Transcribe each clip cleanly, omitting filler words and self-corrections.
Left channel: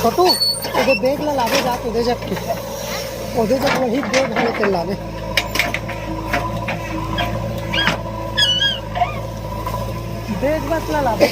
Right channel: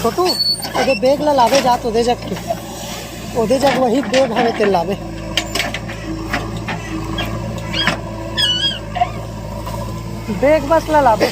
छोटू ओदे बैग ला लावे जात ओदे जग के ओदे जग वही बैग हवे ते लावे बैग बस ला लावे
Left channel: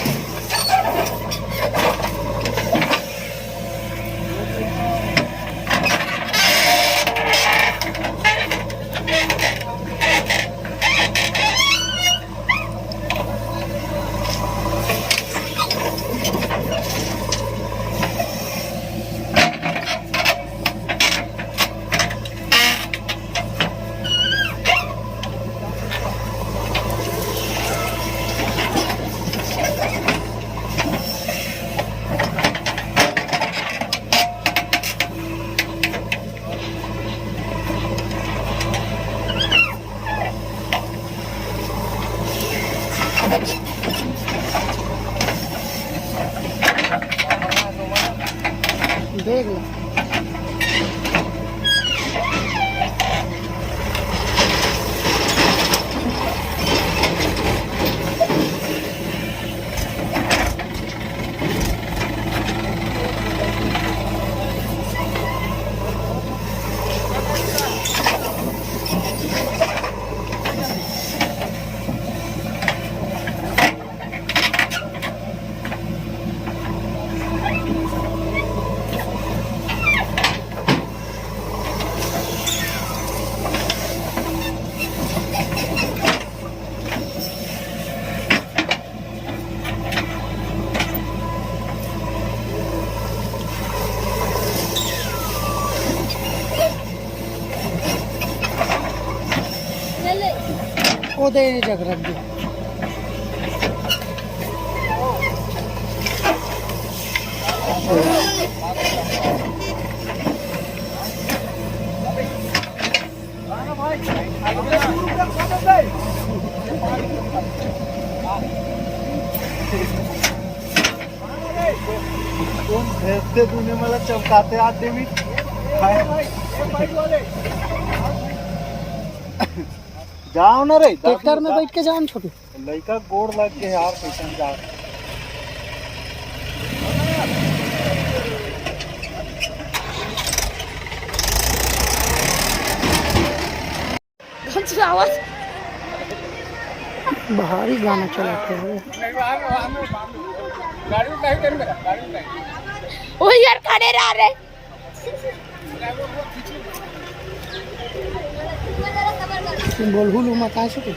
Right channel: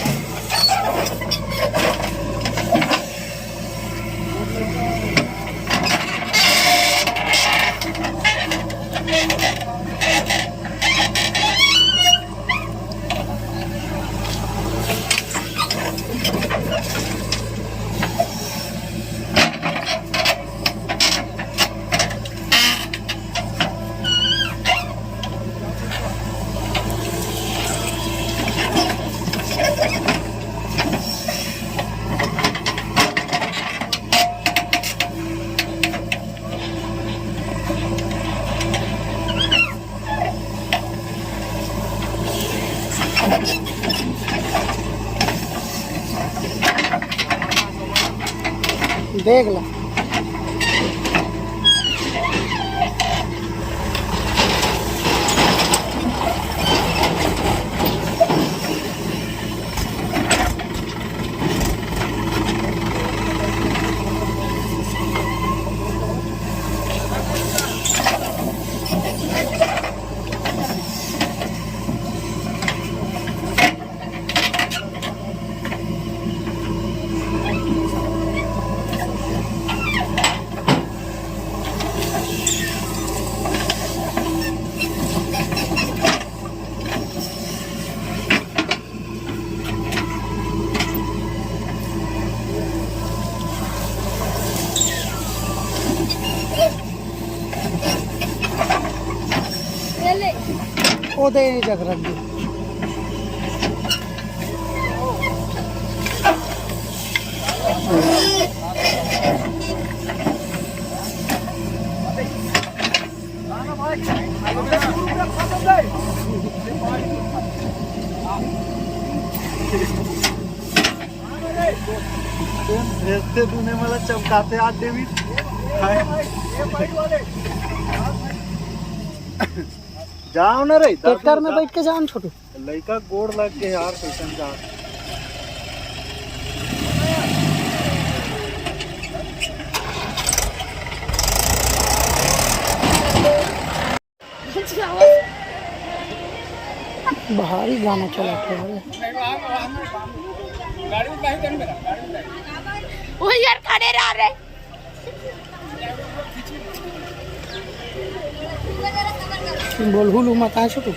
देख लो ओदे जग रख दे भेजते तूने मला चमकाते आते भी जाओ ना रे ट्रैक्टर में बैठ के जाओ छोटू लड़का गोड़ लग के यार कैसे जा भारी गाना चला था ओ यार खड़े रह रहे बोलहुल मत आ छोटू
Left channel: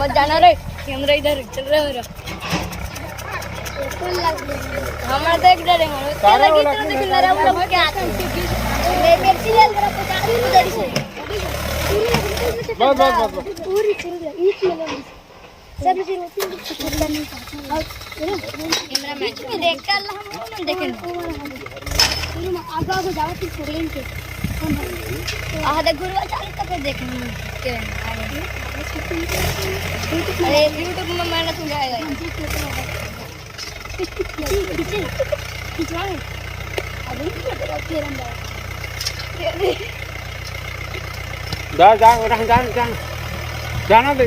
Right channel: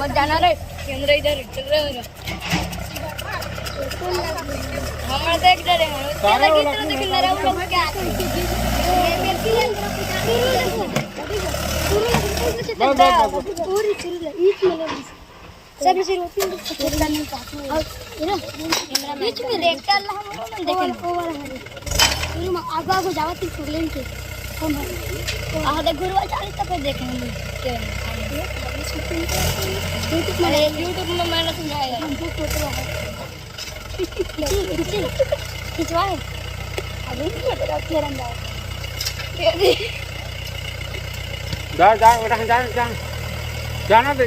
मत जाना रे कैमरा इधर चल रहा है हमारा देख डरे क्या लगी तो देख नरम लोग क्या आते हैं देखती है जरा पूरी चिल्ला ईट में सभी से रोटी चिल्ला नहीं पाती है ना कैमरा मैच में देख कर हम लोग देखें आगो आगो जावा ती फुगलिन के कौन है आ देख गुरुवा चाली तक देखे हम के अरे YouTube में मैंने सुनाया है खिंचवा है अभी तेरा फिर अंदर जाना दे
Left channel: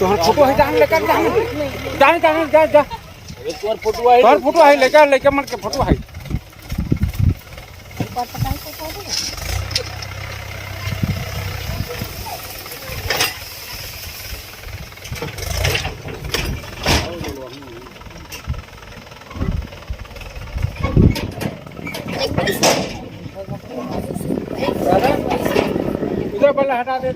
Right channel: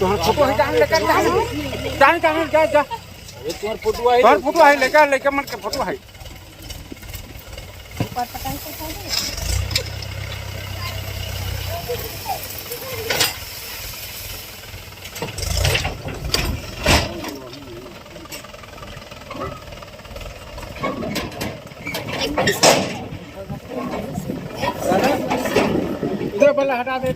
तो फोटो है जाने लेकर जाने जा फोटो है लेकर मन के फोटो है इधर पहले हटा दे